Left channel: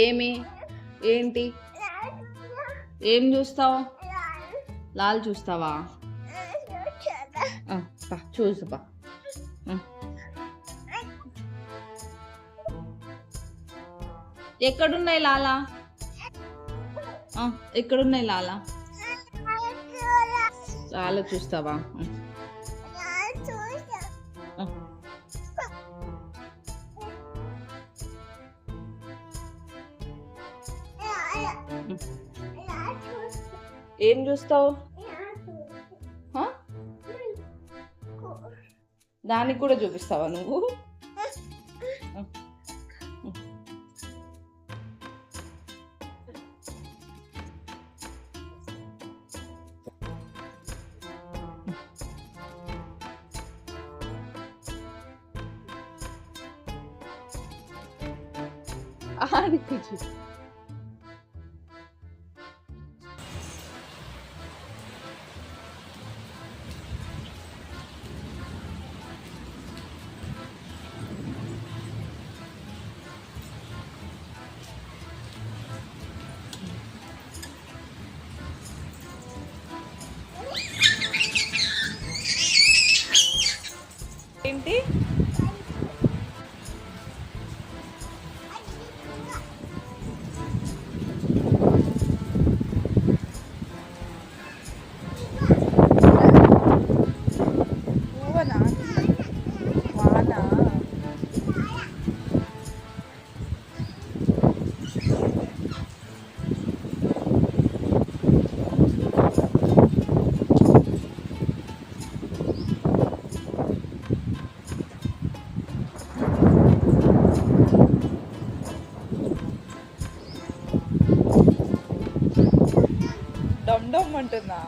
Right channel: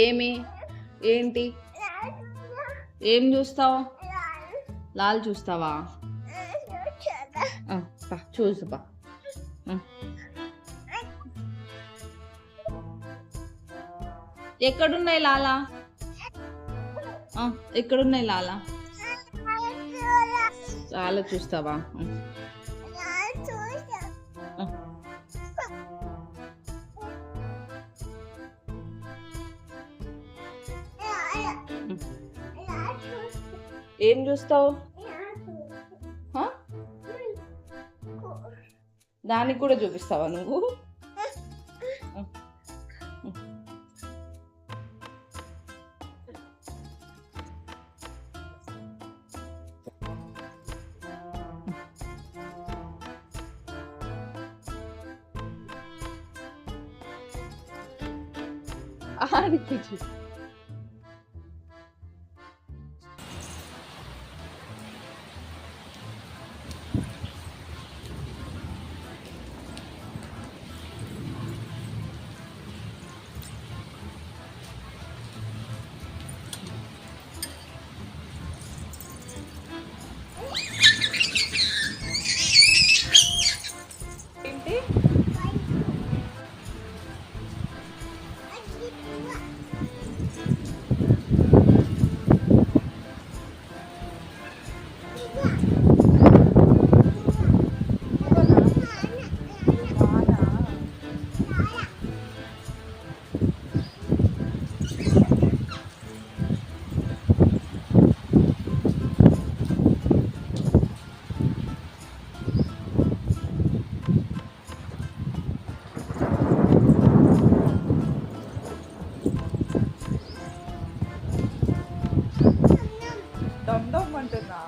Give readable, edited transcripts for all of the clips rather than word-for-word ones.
ఏమి ఏంటి ఏం చూస్తావు? లాల్ చూస్తావా? చూసుపా. ఎక్కడున్నాయి లాలా? ఎక్కడున్నాయి లాలా? లాలా చూస్తావా? ఏం చూస్తావు? దానికి కూడా చూపిస్తావా నువ్వు? ఆడికి ఏంటి? డమ్ అంటున్నా.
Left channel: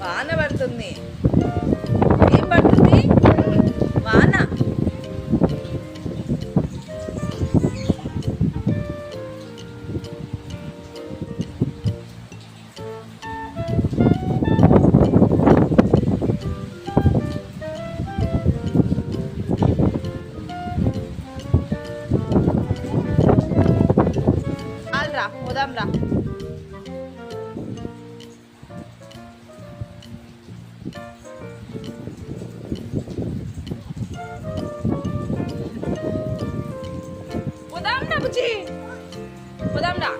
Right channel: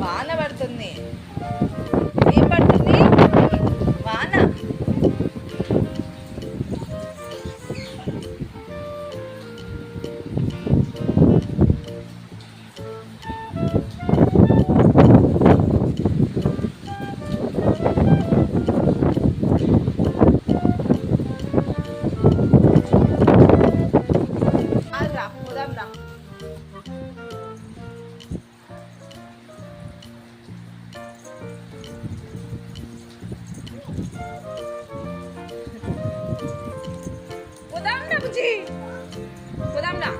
వాన పడుతుంది. ఏం పడుతుంది? వాన. రా పోదాం రా. పోదాం రా బుజ్జి, పోదాం రా.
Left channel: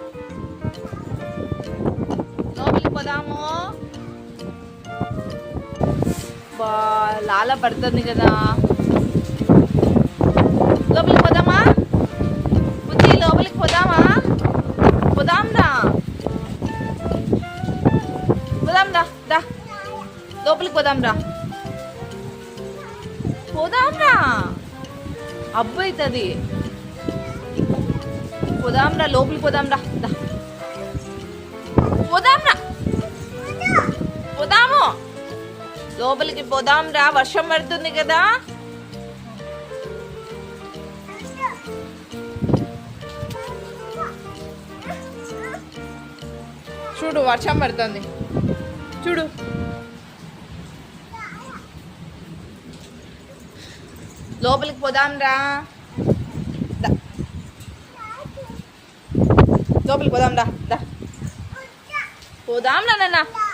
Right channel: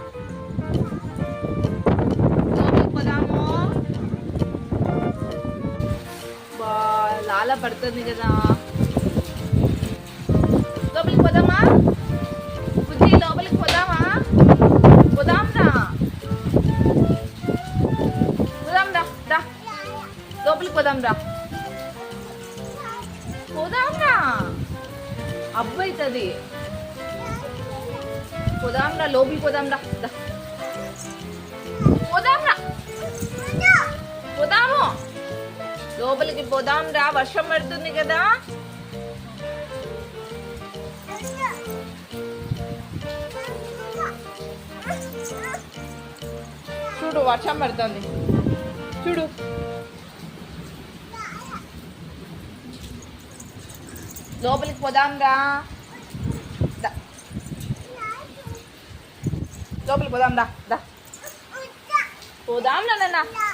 లోపలికి పోదాము. లాల పడుతుంది కదా. లోపలికి పోదామా బుజ్జి? లోపలికి పోదామా? పోదాం రా, పోదాం రా. రా లోపలికి పోదాం రా. పోదాం రా, అబ్బు అవుతుంది. పోదాం రా, లోపలికి పోదాం రా. పోదాం రా, పోదాము. లోపలికి పోదాం రా, వర్షం పడుతుంది కదా. చూడు వర్షం పడుతుంది, చూడు. లోపలికి పోదాం రా. లోపలికి పోదాం రా. పోదాం రా నాన్న.